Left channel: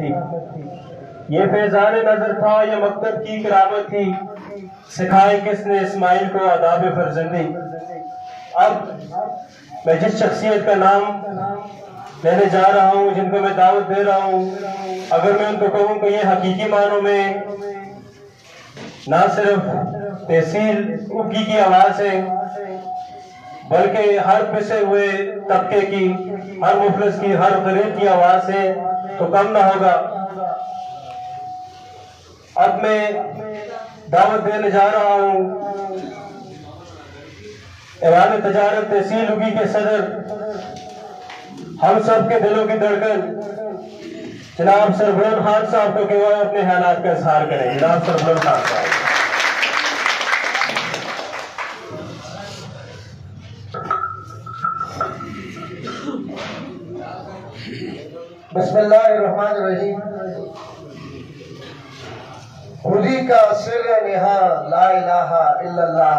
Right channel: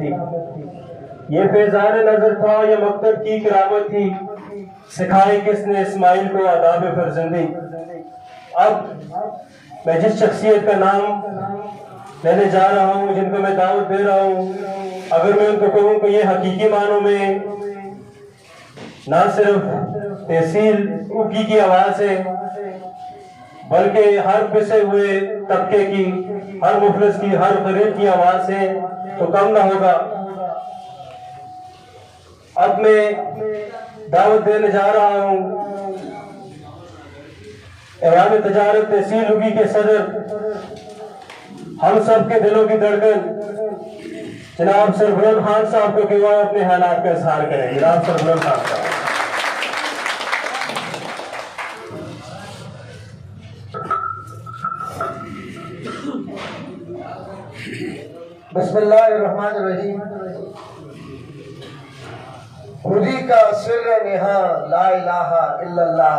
تھی، یہ فیضان نظر تھا، یہ مکتب کی کرامت تھی، سکھائی کس نے اسماعیل کو آداب فرزندی۔ اب میں جس شخصیت کا نام لینے جا رہا ہوں، جن کو میں دعوت دے رہا ہوں، اگر میں ان کو کہوں کہ یہ حقیقی معنوں میں نہ صرف تحصیل اگی کی آواز ہے، بلکہ ہر پسے ہوئے طبقے کی، ہر مفلس کی، ہر غریب کی آواز ہے، تو کم نہ ہوگا۔ اب میں دعوت دینے جا رہا ہوں ایوان تجارت تحصیل اگی کے صدر، ہم سب کے دلوں کی دھڑکن جناب سربلند خان صاحب کو کہ وہ اپنے خیالات کا اظہار کریں۔ جناب سربلند خان صاحب۔ بسم اللہ الرحمن الرحیم۔ خودی کا سر نہاں لا الہ الا اللہ،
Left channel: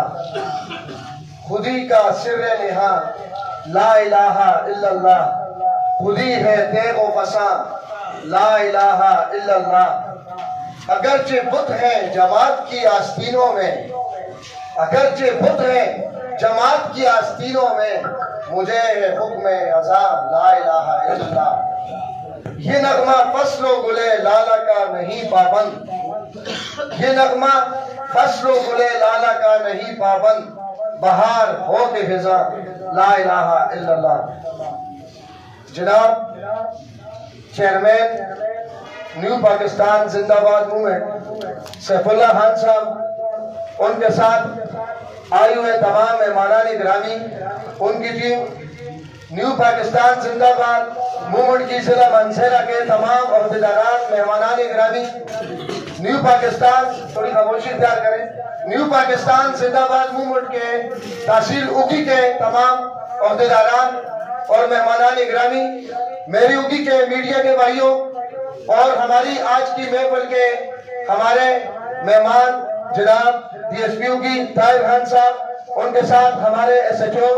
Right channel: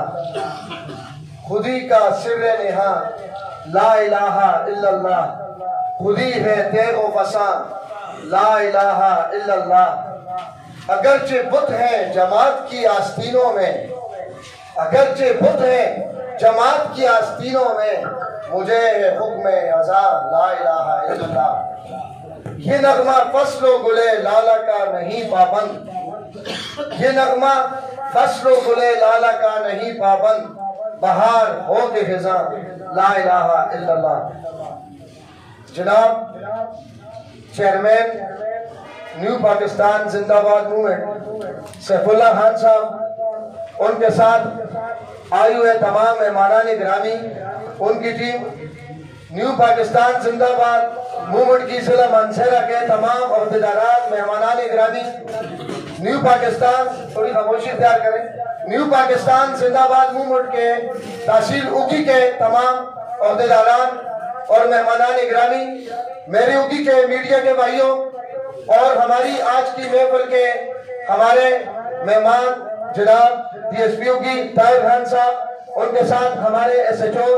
خودی کا سر نہاں لا الہ الا اللہ، خودی ہے تیغ و فساں لا الہ الا اللہ۔ اگرچہ بت ہیں جماعت کی آستینوں میں، اگرچہ بت ہیں جماعت کی آستینوں میں، مجھے ہے حکم ازاں لا الہ الا اللہ۔ یہ نغمہ فصل و گلے لالا کا نہیں پابند، یہ نغمہ فصل و گلے لالا کا نہیں پابند، بہار ہو کے خزاں لا الہ الا اللہ۔ جناب چیئرمین نیو پاکستان زندہ باد موومنٹ سیف اللہ خان صاحب، ان کے ساتھ آئے ہوئے تمام مہمانان گرامی، ان کی ٹیم، نیو پاکستان زندہ باد موومنٹ کی ضلع مانسہرہ کے تمام عہدیداران، مہمانان گرامی، نیو پاکستان، تھوڑی خاموشی اختیار کریں، نیو پاکستان زندہ باد موومنٹ کے تحصیل اگی کے تمام عہدیداران اور مہمانان گرامی، میری اگی کے میڈیا کے بھائیوں، اور ہماری آج کی محفل کے ہمارے مہمان جناب ڈی ایس پی اگی طاہر خان صاحب، ان کے ساتھ ہمارے S H O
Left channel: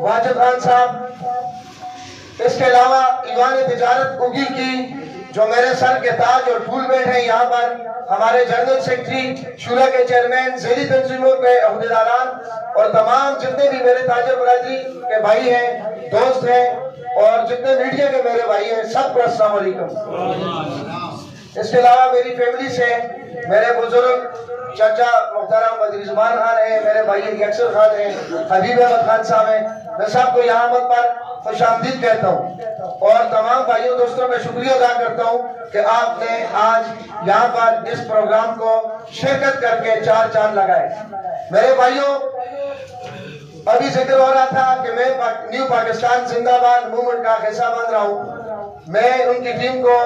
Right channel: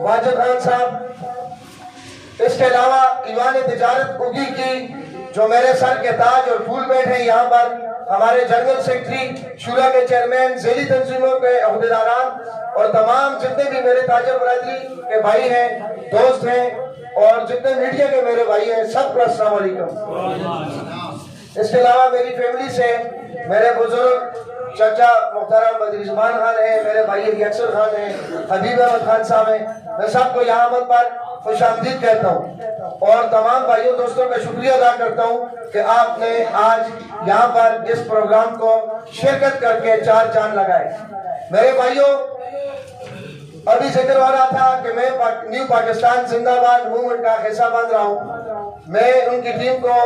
Wajid Khan صاحب، اس کے علاوہ ایوان تجارت اگی کی جو میرے سر کے تاج اور پھول بیٹھے ہیں یہاں پر، ہمارے جنرل سیکرٹری، شورا کے چیئرمین، ذیلی تنظیموں کے عہدیداران، اور تمام جتنے بھی میرے تاجر برادری کے بھائی ہیں، دوست ہیں، اور جتنے میڈیا کے میرے بھائی ہیں، سب کو السلام علیکم۔ اس کے علاوہ میری فیملی سے میرے بزرگ چچا محترم بدری زمان خان ہیں، میرے بھائی ریاکسر خان ہیں، حبیب احمد خان صاحب ہیں، میں سب کو یہاں پر خوش آمدید کہتا ہوں، اور تمام بھائیوں دوستوں کا شکریہ ادا کرتا ہوں کہ آپ نے آج یہاں پر اس پروگرام کو شرکت کر کے چار چاند لگائے۔ میرے بھائیوں، ابھی ذکر ہو رہا تھا کہ میں نیو پاکستان زندہ باد موومنٹ کا حصہ بن رہا ہوں، میں ان کی ٹیم کو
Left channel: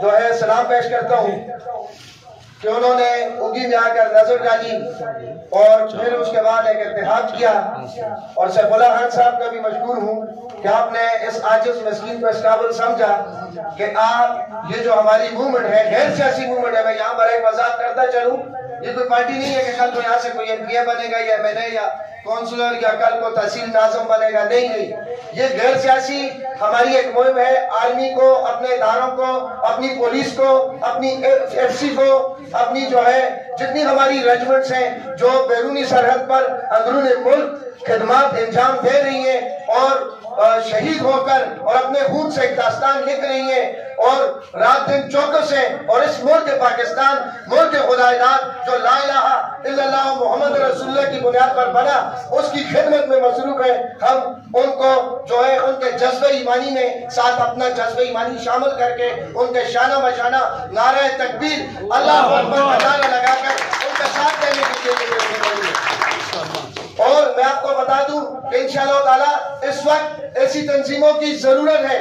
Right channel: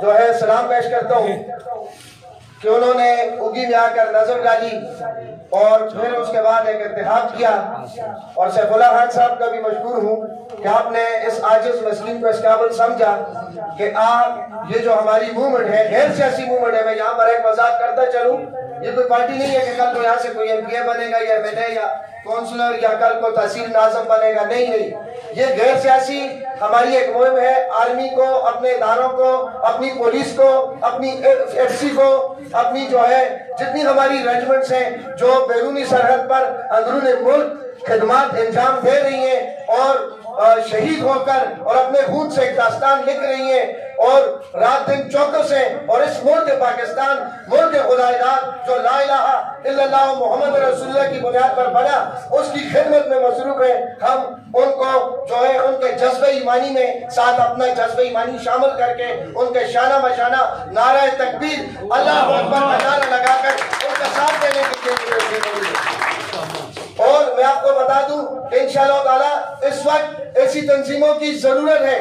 جو ہے سلام پیش کرتا ہوں کہ انہوں نے اگی میں آ کر نظر ڈالی اور پھر اس کے بعد ایک اتحاد کیا، اور سیف اللہ خان صاحب کا بھی مشکور ہوں کہ آپ نے اس عاجز مسکین کو اس قابل سمجھا کہ آپ یہ جو ہماری موومنٹ ہے، غیر سیاسی موومنٹ ہے، میں یہاں پر ایک وضاحت کرتا چلوں، یہ کوئی پارٹی نہیں ہے کہ کل تو یہاں سے کوئی ایم پی اے بنے گا یا ایم ایل اے یا کونسلر یا کل کو تحصیل ناظم بنے گا، نہیں، یہ غیر سیاسی ہماری ایک مہم ہے۔ آرمی کو، اپنے اداروں کو، اپنی پولیس کو، اپنی ایف سی کو، اپنی جو ہے جتنی ہماری ریجمنٹس ہیں جو بیرونی سرحد پر اندرون ملک خدمات انجام دے رہی ہیں اور شہید ہو کر اور اپنے خون سے ایک داستان لکھ رہی ہیں اور رات دن چوکس ہیں، اور اس ملک پاکستان، ملک خدا داد جو لا الہ الا اللہ محمد رسول اللہ کی بنیاد پر بنا، اس کی خدمت میں مصروف ہیں۔ ہم ان کو جو ہے ان کے جذبہ ایمانی میں ساتھ اپنا جذبہ ایمانی شامل کر کے ان کے شانہ بشانہ نعرہ تکبیر اللہ اکبر کا نعرہ لگا کر ان کا ساتھ دینے کے لیے، اور میں آپ کو بتا دوں کہ انشاءاللہ تعالی اس وقت ایسی تنظیموں کی ضرورت ہے،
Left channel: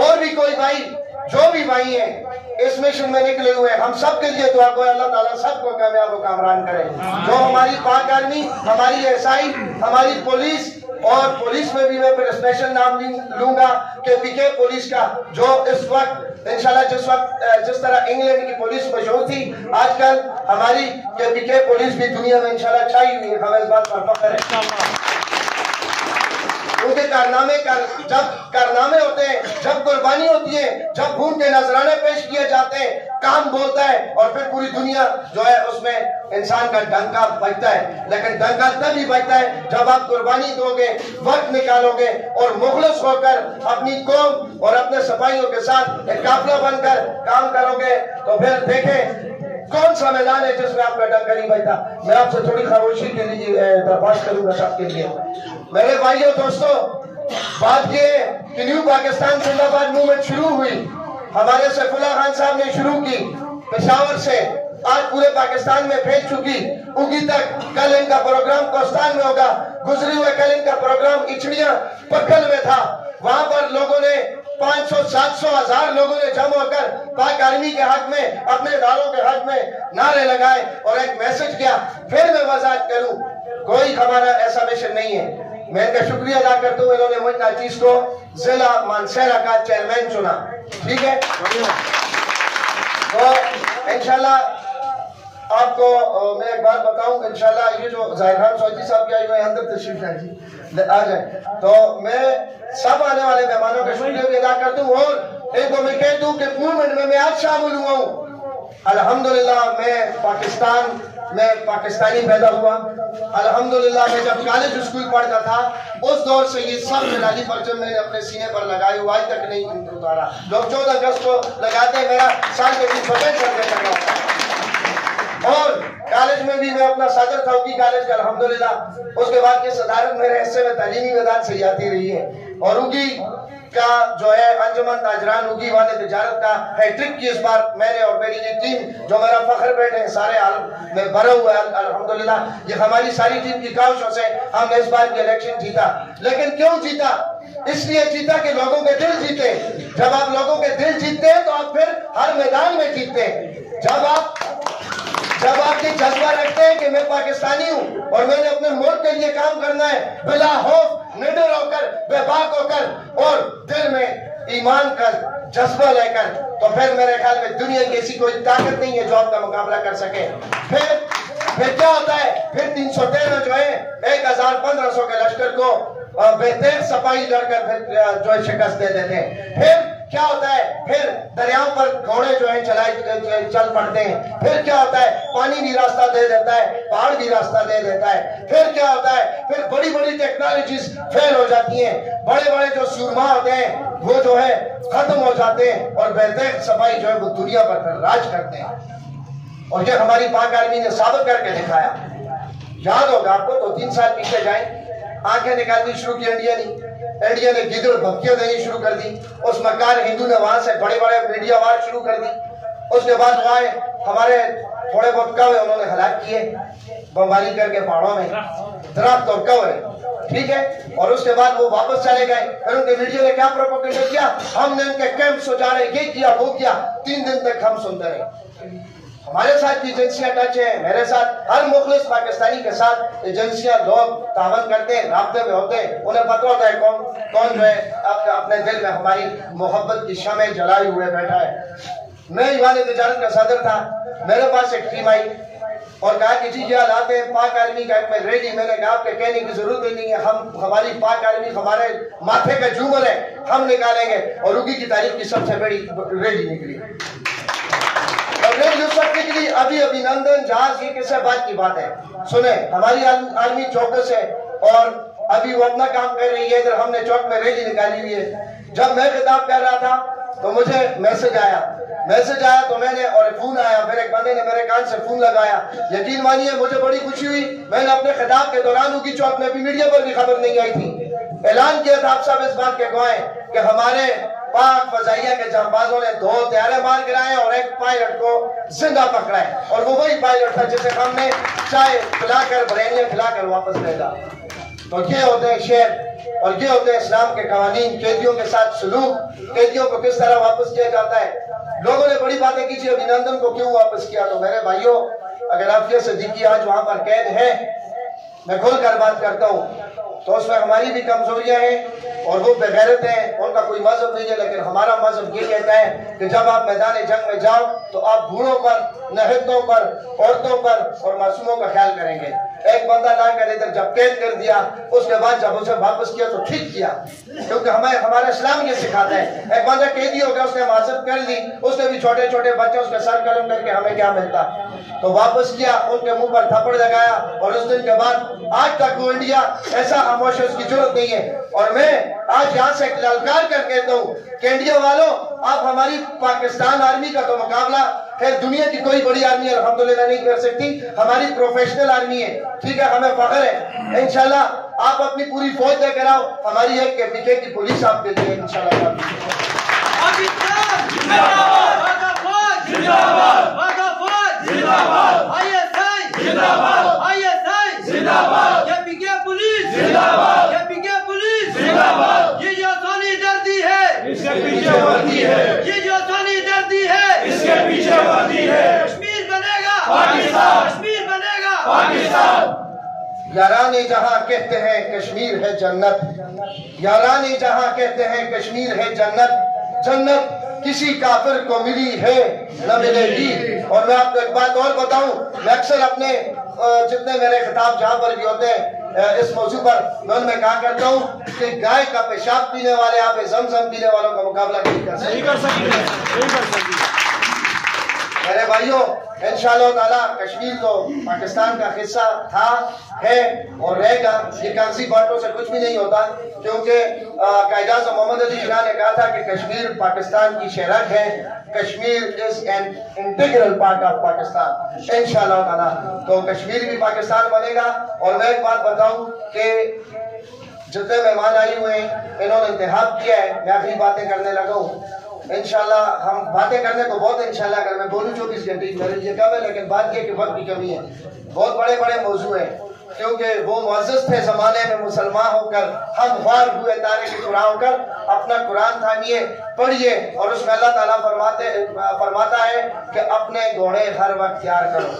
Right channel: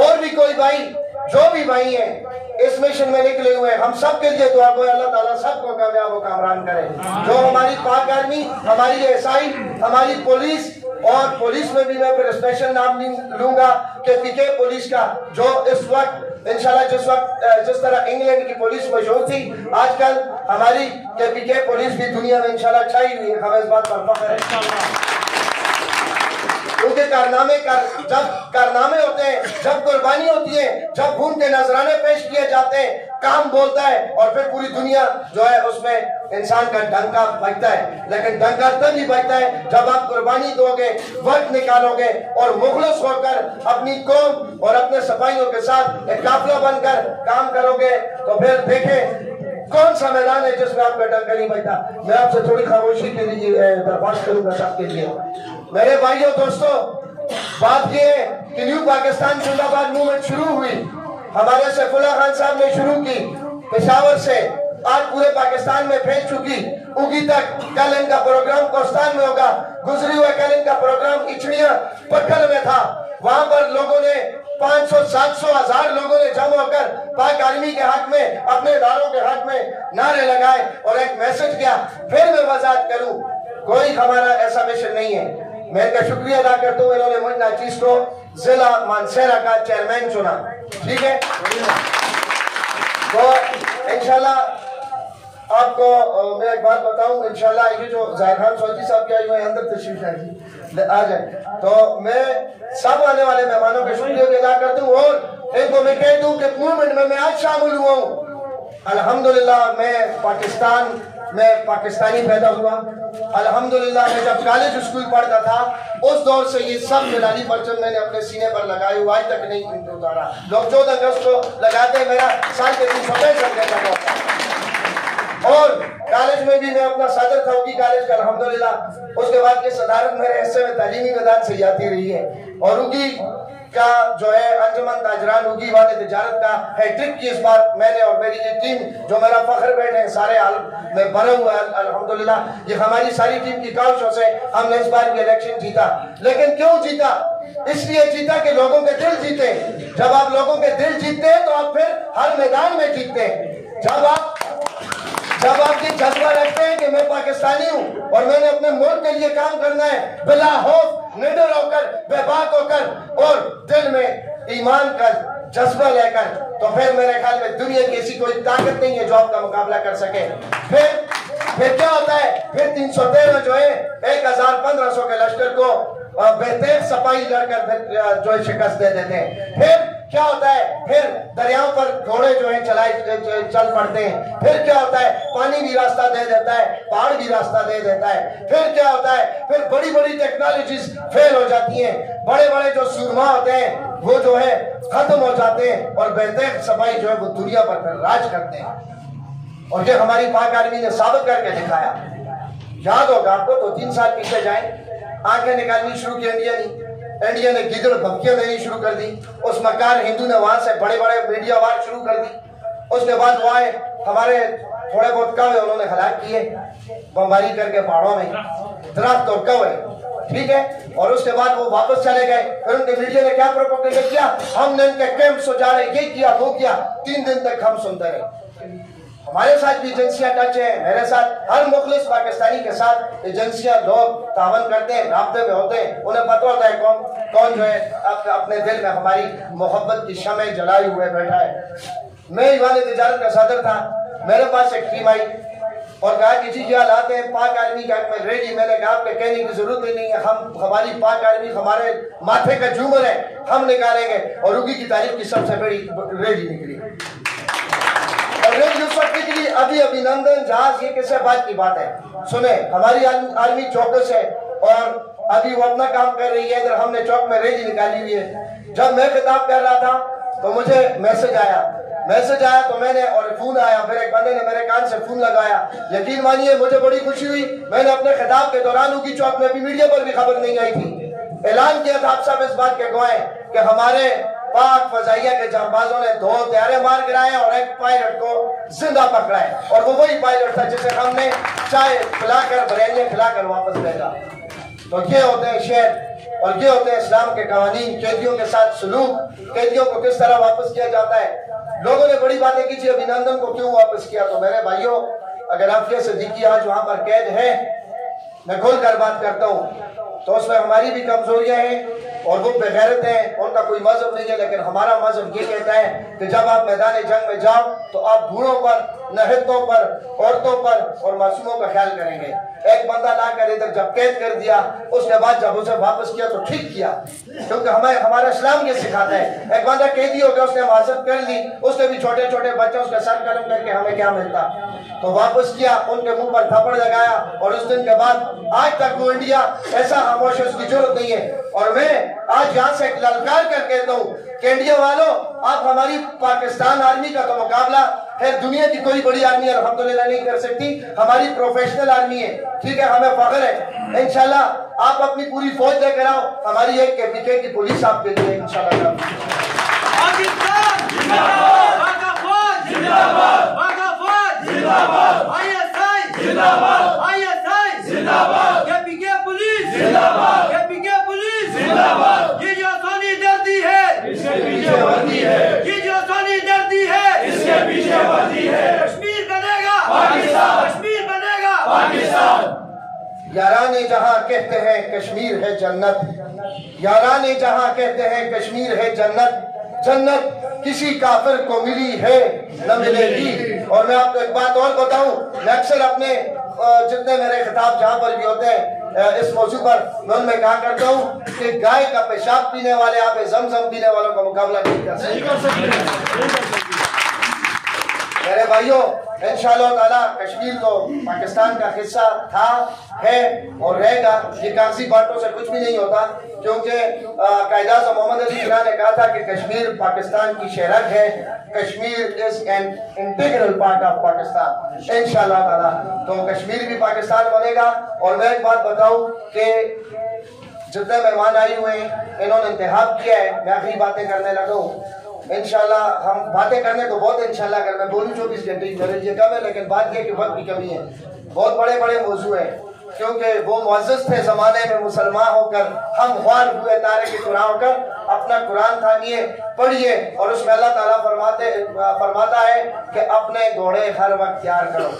اور بھی کوئی بھائی، جو بھی بھائی ہیں اس مشن میں نکلے ہوئے ہیں، ہم سب کے لیے دعا کو اللہ تعالیٰ سب کو کامیاب و کامران کرے۔ جو ہماری پاک آرمی، ہماری ایسائی، ہماری پولیس، اور پولیس میں بھی میں پھر اسپیشل نام لوں گا کہ پی کے پولیس کا، جو اس وقت انشاءاللہ جس طرح انگلینڈ کی پولیس مشہور تھی، آج کل ہماری کے پی کے پولیس بھی دنیا میں انشاءاللہ چھائی ہوئی ہے، ہمیں اس بات پر فخر ہے۔ ان کے جب کارنامے ہوتے ہیں، جب قربانی ہوتی ہے، جب خون کے نذرانے پیش کیے جاتے ہیں، کام بولتا ہے، اور پھر پوری دنیا جو ہے اس میں انسان کا ڈنکا بجتا ہے. لیکن ڈنکا تب ہی بجتا ہے جب آپ قربانی دو گے، وقت نکالو گے اور مخلص ہو کر اپنی قوم اور اپنے سپاہیوں کے ساتھ ایک قافلہ بن کر کام کرو گے. تو پھر دیکھیں کون سا میدان ہے جس میں آپ کا ڈنکا نہیں بجتا. میں آپ سے تھوڑی خاموشی کے لیے درخواست کروں گا سب کے لیے. میرے بھائیوں دوستو، بات یہ ہے کہ نیو پاکستان زندہ باد موومنٹ شروع ہوئی، ہمارے سیف اللہ خان صاحب نے شروع کی پشاور سے، آج پورے پاکستان میں پھیل چکی. اگی تک کل ان کا پروگرام کوستان میں ہوگا. گزری ہوئے کل ان کا پروگرام اچھڑیاں پکھل میں تھا. وہاں پر لوگوں نے 500 700 ہزار لوگوں نے جمع ہو کر پاک آرمی کے حق میں، اپنے اداروں کے حق میں نعرے لگائے اور ایک میسج کیا. پھر میں وضاحت کروں، کوئی ہمارا ایسا مشن نہیں ہے. میں ان کا شکریہ ادا کرتا ہوں، انہوں نے مجھ ناچیز کو ضلع مانسہرہ کا چیئرمین چنا. ٹھیک ہے، تو انشاءاللہ آپ کو میں ایک بات بتاؤں. انشاءاللہ یہ جو ظاہر خان سعودی صاحب کیا ہوئے اندر تشریف لائیں آ جائیں، تو میں سب آنے والے مہمانوں کا شکریہ بھی ادا کرتا ہوں. اور ایک تو میں کہہ دوں کہ موومنٹ میں آج شامل ہوا ہوں. الحمدللہ میں پاکستان میں پاکستانی پیدا ہوا. الحمدللہ میں جب کالج اسکول پڑھتا تھا اس دور سے یہ سب نرالی پرچم میں نے اپنے سینے پر لگائی ہوا، آج تک نہیں اتارا. لوگ 14 اگست کو لگاتے ہیں، میرا سال کے دن فتح چل گیا. اور کالج میں بھی میں اپنا صدر تھا اگی کالج کا الحمدللہ. اس کے بعد یہ صدارت میرے حصے میں تعلیمی میدان سے جاتی رہی ہے. اور اگی کا جو ہے انجمن تاجران اگی والے تجارت کا ہیٹرک کی اس بار میں نے اور میری یہ ٹیم جو میرا فخر بیٹھے ہیں سارے عالم میں بھرا ہوا ہے الحمدللہ. یہ ہماری ساری ٹیم کی کاوشوں سے ہم نے اس بار کی الیکشن جیتا. لیکن کیوں جیتا؟ اس لیے جیتا کہ لوگوں کے دل جیتے. جب آپ لوگوں کے دل جیتتے ہیں تو آپ پھر ہر میدان میں جیتتے ہیں. جب آپ یہ جذبہ رکھتے ہیں کہ میں پاکستانی ہوں اور میں نے اپنے ملک کے لیے کام کرنا ہے بلا خوف، نڈر ہو کر، بے باک ہو کر اور دل میں ایمان کا جذبہ لے کر، تو پھر میرے خیال میں دنیا کی ایسی کوئی طاقت نہیں ہے جو آپ کا مقابلہ کر سکے. پھر کیا ہوتا ہے؟ پھر 313 جو ہے 1500 کے لشکر کو بہتر سپاہی لڑ کر جو ہے شکست دے دیتے ہیں. پھر کیا ہوتا ہے؟ پھر دریاؤں پر گھوڑے جو ہیں چل پڑتے ہیں. پھر کیا ہوتا ہے؟ پانی بھی راستہ دے دیتا ہے، پہاڑ بھی راستہ دے دیتا ہے. پھر کیا ہوتا ہے؟ پھر بڑی بڑی ٹیکنالوجیز فیل ہو جاتی ہیں، بڑے بڑے جو سورما ہوتے ہیں وہ جو ہے ختم ہو جاتے ہیں اور بہتر سپاہی جو ہے وہ دنیا پر پھر راج کرتے ہیں. اور یہ ہماری پاک آرمی نے ثابت کر کے دکھایا. یاد ہوگا آپ کو تو 3 سال پیچھے جائیں، آنکھیں نکالنی شروع کی انڈیا نے گیدڑ دھمکیاں دینی شروع کر دی. اس مکار ہندو نے وہاں سے بڑے بڑے میڈیا وار شروع کر دی. اس کے بعد وہاں ہمارے تھوڑے بہت کوے انہوں نے ہلاک کیے بمباری کر کے پہاڑوں میں، درخت اور کوے. ٹھیک ہے، اور اس کے بعد وہ واپس چلے گئے. پھر ان کے میڈیا نے کیا پروپیگنڈا کیا؟ ہم نے ان کے کیمپ اجاڑے، یہ کیا وہ کیا. 3 دن تک ہم سنتے رہے. ہمارے ساتھ بھی ایجنسیاں ٹچ ہیں، میرے ساتھ ہر مخلص پاکستانی کے ساتھ ایجنسیاں لوگ تعاون کرتے ہیں، رابطے میں ہوتے ہیں. انہیں پتہ ہوتا ہے کون جو ہے اپنے دل میں ہماری محبت کی شمع جلائے ہوئے بیٹھا ہے. میں ایوان تجارت کا صدر تھا. میرے پاس ایک ٹیم آئی اور کہا کہ جی یہ حالات ہیں پاک آرمی کا میں ریڈی. میں نے کہا آپ کے کہنے کی ضرورت ہی نہیں ہے، ہماری پاک آرمی ہمارے ماتھے کا جھومر ہے، ہم نکالیں گے. اور اگی کی تاریخ کی سب سے بڑی ریڈی نکلی. اس وقت کے لیے ابھی نندن جہاز یہ کس بات کی بات ہے. سنیں، ہماری آرمی چوکس ہے اور ابھی وہ اپنا کام کر رہی ہے. ادھر ہم نے چوک میں ریلی نکالی ہوئی ہے. جب میں خطاب کر رہا تھا تو مجھے میسج آیا تو میں نے اور فون آیا، پھر ایک بندے نے میرے کان سے فون لگایا. یقین مانیے مجھے بڑی خوشی ہوئی. میں نے اپنے خطاب کے دوران اگی چوک میں بھی میڈیا پر بھی خبر نہیں آئی تھی، اعلان کیا تھا آپ سب اس بات کے گواہ کہ ہمارے پاک فضائیہ کے جانبازوں نے 2 طیارے مار گرائے اور ایک پائلٹ کو زندہ پکڑا ہے. اور وہ وہی پائلٹ تھا جسے ہم نے چائے کھلا کر بریانیاں کھلا کر واپس بھیجا. تو یہ ہوتے ہیں شعر اور یہ ہوتے ہیں اسلام کے قوانین. قیدیوں کے ساتھ سلوک، قیدیوں کو کس طرح واپس کیا جاتا ہے. لوگوں نے بڑی باتیں کی تھی ابھینندن کو کیوں واپس کیا. تو میرے بھائیوں، اگر عافیہ صدیقی آج وہاں پر قید ہے، میں کھول کر بات کرتا ہوں، تو اس میں ہماری بھی کمزوریاں ہیں اور وہ بغیرت ہیں. ان کا کوئی مذہب نہیں ہے، لیکن ہمارا مذہب یہ کہتا ہے کہ جب آپ میدان جنگ میں جاؤ تو آپ بوڑھوں پر، نہتوں پر، عورتوں پر اور معصوموں کا خیال کریں گے. ایک بندہ لا کر ادھر جب قید کر دیا، اس کے بعد جب اسے واپس کیا تو ٹھیک کیا، کیونکہ ہمارا اسلام یہ سکھاتا ہے۔ ایک بندہ قیدی ہو گیا، اس نے معذرت کر لی، اس نے بھی چھوٹے چھوٹے بچے اس کے سر قلم کر کے ہمیں کیا ملتا، تو واپس کیا، ان کے منہ پر تھپڑ لگایا، اور اس دن کے بعد آج تک وہ انڈیا ایسا خاموش ہے، اس کی ضرورت نہیں ہے۔ اور میں آج یہاں سے للکار کر کہتا ہوں کہ انڈیا والوں، آپ ہماری پاکستان آرمی کا تو مقابلہ خیر دنیا کی کوئی بڑی آرمی الحمدللہ نہیں کر سکتی، ہماری پروفیشنل آرمی ہے، ٹھیک ہے، ہمیں فخر ہے۔ انشاءاللہ آپ اپنی پوری فوج لے کر آؤ، ہماری ایک KPK کی پولیس آپ کے لیے انشاءاللہ۔ یہ جو آسانی ڈرتی ہے اس کے پیچھے وردی ہے، یہ جو آسانی ڈرتی ہے اس کے پیچھے وردی ہے۔ کشمیر بنے گا پاکستان، کشمیر بنے گا پاکستان۔ یاران جہاں کہتے ہیں کشمیر ہے جنت، یاران جہاں کہتے ہیں کشمیر ہے جنت، جنت کسی کافر کو ملی ہے نہ ملے گی۔ اور میں آپ کو ایک بات اور بتاؤں، میں اکثر اپنے جتنے میرے خطاب جہاں پر بھی ہوتے ہیں اس موضوع پر میں ان میں کہا کرتا ہوں کہ گائے کا پیشاب پینے والے آب زمزم پینے والوں کا مقابلہ نہیں کر سکتے۔ میرے بھائیوں، انشاءاللہ تعالیٰ کشمیر تو پاکستان کا حصہ تھا، ہے اور رہے گا۔ یہ کاغذی باتوں سے کچھ بھی نہیں ہوتا، کیونکہ قائد اعظم محمد علی جناح نے کہا تھا کہ کشمیر پاکستان کی شہرت ہے، Kashmir is an integral part of Pakistan. انشاءاللہ تعالیٰ تو کشمیر بھی پاکستان بنے گا۔ اور میں ایک بات بتاؤں کہ جتنے مہمان آئے ہوئے ہیں انہوں نے انتخاب کیا ہے، میں آخری باتیں کرنے لگا ہوں۔ انشاءاللہ ہم باتیں کرنے کو بہت انشاءاللہ اگر میں بولوں 24 گھنٹے کی میرے لیے کم ہے، لیکن بات یہ کہ وقت کی کمی ہے۔ بہت بڑے بڑے موضوع ہیں، کیونکہ وہ معزز تھے زمانے میں مسلمان ہو کر، ہم خوار ہوئے تارے کے قرآن ہو کر اپنا قرآن تھامیے، پڑھیے، اور اس میں اللہ تعالیٰ فرماتا ہے کہ اپنے گھوڑے ہر وقت تیار کرو،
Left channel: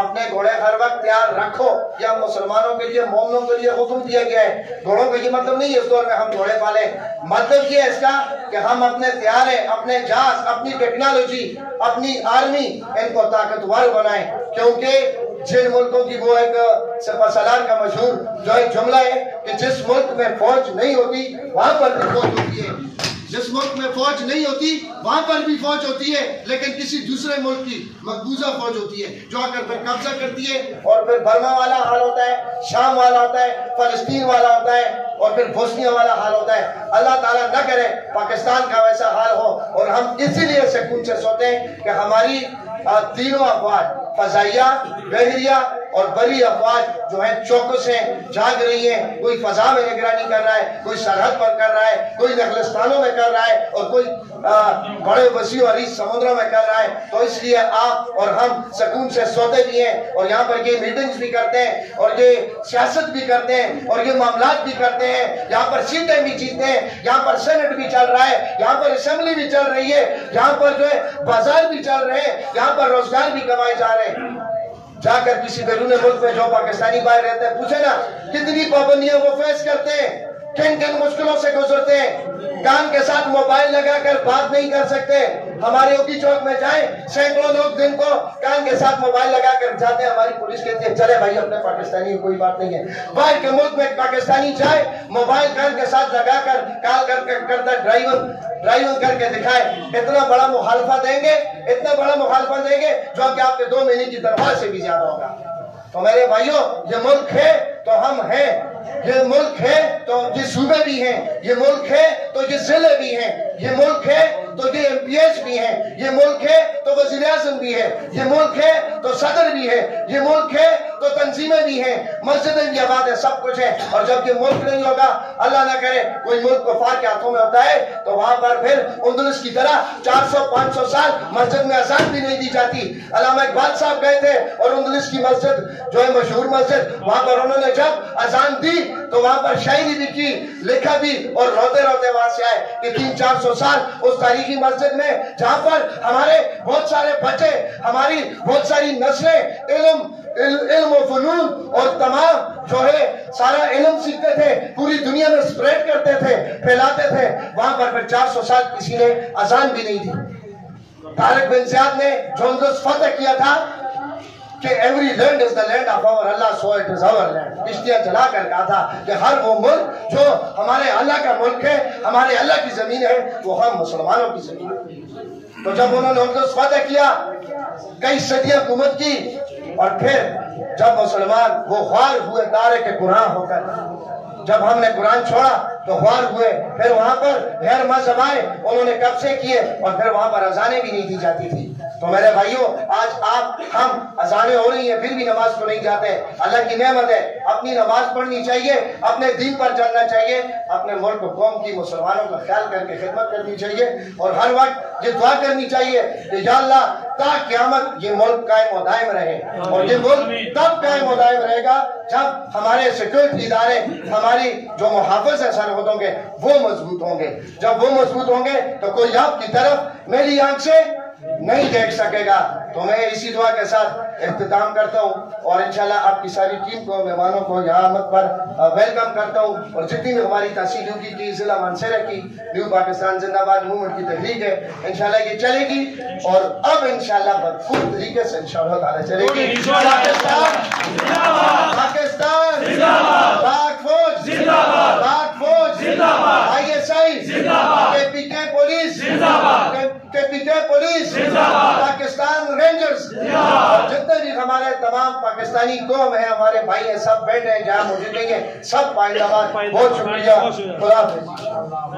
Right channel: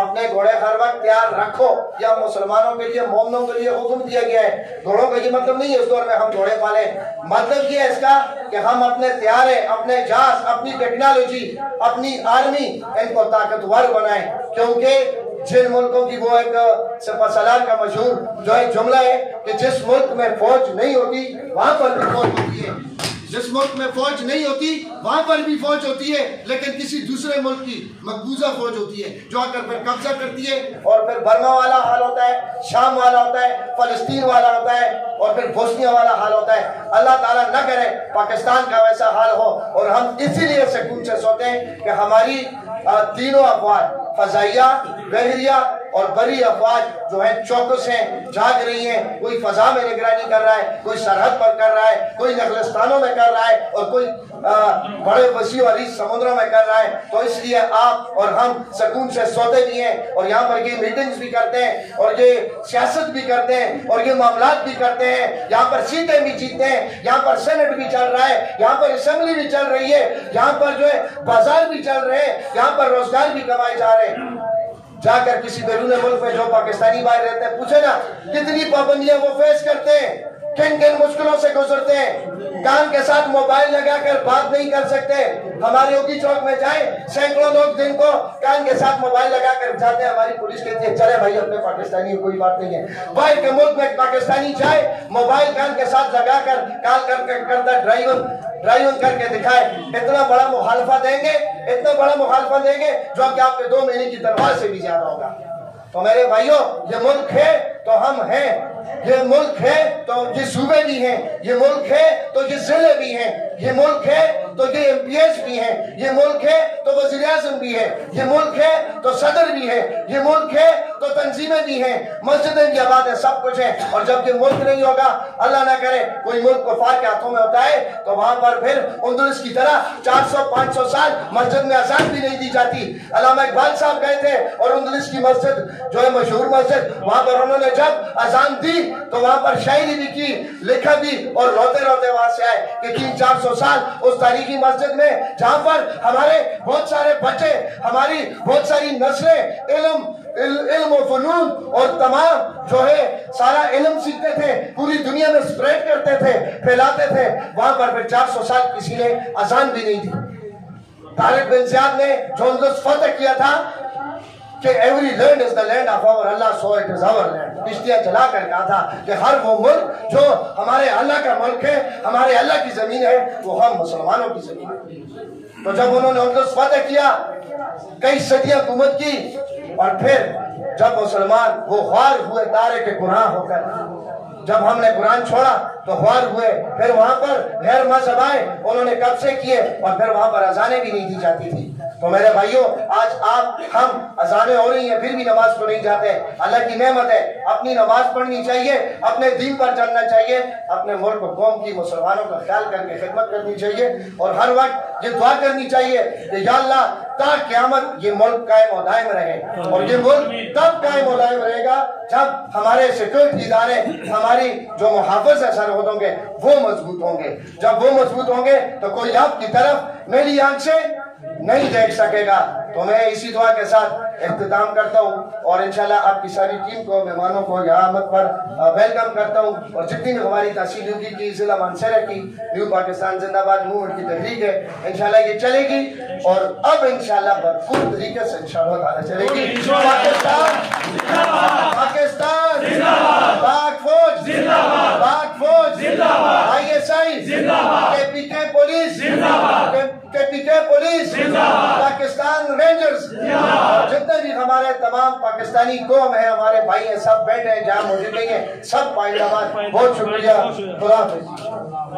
اپنے گھوڑے ہر وقت تیار رکھو۔ یہ ہم مسلمانوں کے لیے، مومنوں کے لیے حکم دیا گیا ہے۔ گھوڑوں کا یہ مطلب نہیں ہے اس دور میں ہم گھوڑے پالیں، مطلب یہ ہے اس کا کہ ہم اپنے طیارے، اپنے جہاز، اپنی ٹیکنالوجی، اپنی آرمی ان کو طاقتور بنائیں، کیونکہ جن ملکوں کی وہ ایک سپہ سالار کا مشہور جو ایک جملہ ہے کہ جس ملک میں فوج نہیں ہوتی وہاں پر بھی فوج ہوتی ہے، جس ملک میں فوج نہیں ہوتی وہاں پر بھی فوج ہوتی ہے، لیکن کسی دوسرے ملک کی مقبوضہ فوج ہوتی ہے جو آ کر پھر قبضہ کرتی ہے، اور پھر برما والا حال ہوتا ہے، شام والا ہوتا ہے، فلسطین والا ہوتا ہے، اور پھر بوسنیا والا حال ہوتا ہے۔ اللہ تعالیٰ نہ کرے پاکستان کا ویسا حال ہو، اور ہم اسی لیے سکون سے سوتے ہیں کہ ہماری تینوں افواج، فضائیہ، بحریہ اور بری افواج جو ہیں چوکس ہیں، جاگ رہی ہیں۔ کوئی فضا میں نگرانی کر رہا ہے، کوئی سرحد پر کر رہا ہے، کوئی نخلستانوں میں کر رہا ہے، اور کوئی بڑے وسیع اور عریض سمندروں میں کر رہا ہے۔ تو اس لیے آپ اور ہم سکون سے سوتے بھی ہیں، اور یہاں پر یہ میٹنگز بھی کرتے ہیں، اور یہ سیاست بھی کرتے ہیں، اور یہ معاملات بھی کرتے ہیں، یہاں پر سیٹیں بھی جیتے ہیں، یہاں پر سینٹ بھی چل رہا ہے، یہاں پر اسمبلی بھی چل رہی ہے، یہاں پر جو ہے بازار بھی چل رہے ہیں، یہاں پر روزگار بھی کمائے جا رہے ہیں۔ جا کر کسی بیرون ملک میں جو پاکستانی باہر رہتے ہیں پوچھے نا کتنی پابندیاں وہ فیس کرتے ہیں، کن کن مشکلوں سے گزرتے ہیں، کان کے ساتھ موبائل لگا کر بات نہیں کر سکتے۔ ہمارے اوکی چوک میں جائیں، سینکڑوں لوگ دن کو کان کے ساتھ موبائل لگا کر جاتے ہیں، ہماری پولیس کہتی ہے چلے بھائی اپنے پاکستانی کوئی بات نہیں ہے۔ باہر کے ملک میں پاکستانی جائے، موبائل کان کے ساتھ لگا کر کال کرتا ڈرائیونگ کر کے دکھائے، اتنا بڑا مخالفہ دیں گے، اتنا بڑا مخالفہ دیں گے جو کہ آپ کے 2 مہینے کی تنخواہ سے بھی زیادہ ہوگا۔ تو میرے بھائیوں، یہ ملک ہے تو ہم ہیں، یہ ملک ہے تو یہ صوبے بھی ہیں، یہ ملک ہے تو یہ ضلع بھی ہیں، یہ ملک ہے تو یہ MP بھی ہیں، یہ ملک ہے تو وزیر اعظم بھی ہے، یہ ملک ہے تو صدر بھی ہے، یہ ملک ہے تو تنظیمیں بھی ہیں، مسجدیں بھی آباد ہیں، سب کچھ ہیں۔ اور جب یہ ملک نہیں ہوگا، اللہ نہ کرے کوئی ملک کفار کے ہاتھوں میں ہوتا ہے، تو وہاں پر پھر اندلس کی طرح 400-500 سال مسجد میں اذان بھی نہیں دی جاتی۔ علامہ اقبال صاحب گئے تھے اور اندلس کی مسجد جو ہے مشہور مسجد، وہاں پر انہوں نے جب اذان دی تو وہاں پر شاعری بھی کی، لکھا بھی، اور روتے روتے وہاں سے آئے کہ 300-400 سال اس تاریخی مسجد میں جہاں پر ہمارے بہت سارے بچے، ہماری بہت ساری نسلیں علم و فنون اور تمام جو ہے سارا علم سیکھتے تھے، پوری دنیا میں سپریڈ کرتے تھے، پھیلاتے تھے، وہاں پر پھر 400 سال کسی نے اذان بھی نہیں دی۔ طارق بن زیاد نے جو اندلس فتح کیا تھا، کہ every land is the land of our Allah so it is our land. کشتیاں چلا کر کہا تھا کہ ہر وہ ملک جو ہمارے اللہ کا ملک ہے، ہمارے اللہ کی زمین ہے، وہ ہم مسلمانوں کی زمین ہے. تو جب انہوں نے ان کو فتح کیا، کئی صدیاں حکومت کی، اور پھر جب مسلمان وہ خوار ہوئے تارے کے گناہ ہو کر، جب ہم نے قرآن چھوڑا تو خوار ہوئے، پھر وہاں پر غیر مذہب آئے، انہوں نے قبضے کیے، اور پھر وہاں پر اذانیں بھی نہیں دی جاتی تھی. تو میرے بھائیوں، آج ہم اذانیں ہو رہی ہیں پھر بھی نماز کو نہیں جاتے. اللہ کی نعمت ہے، اپنی نماز پڑھنی چاہیے، اپنے دین پر چلنا چاہیے، اپنے ملک و قوم کی، مسلمانوں کا خیال کر کے خدمت کرنی چاہیے، اور ہر وقت یہ دعا کرنی چاہیے کہ یا اللہ تا قیامت یہ ملک قائم و دائم رہے. اور یہ ملک تب قائم و دائم رہے گا جب ہمارے سیکورٹی ادارے، ہماری جو محافظ ہیں سرحدوں کے، وہ مضبوط ہوں گے. جب وہ مضبوط ہوں گے تو کوئی آپ کی طرف میری آنکھ سے نہیں دیکھ سکے گا. تو میں اسی دعا کے ساتھ اختتام کرتا ہوں، اور انشاءاللہ آپ کی ساری ٹیم کو، مہمانوں کو یہاں آمد پر ویلکم کرتا ہوں. اور جتنی بھی ہماری تحصیل ہوگی کی، ضلع مانسہرہ کی نیو پاکستان زندہ باد موومنٹ کی تحریک ہے، انشاءاللہ یہ چلے گی، اور اب انشاءاللہ بھرپور طریقے سے انشاءاللہ تعالی چلے گی. پاکستان پاک فوج، پاک فوج، ISI، KPK police, KPK police, Pakistan rangers, اور جتنے بھی ہمارے تمام پاکستانی قوم ہیں، ہمارے بھائی ہیں، سب بیٹھے ہیں جہاں موجود نہیں ہیں، سب پائندہ باد. بہت شکریہ. خدا حافظ.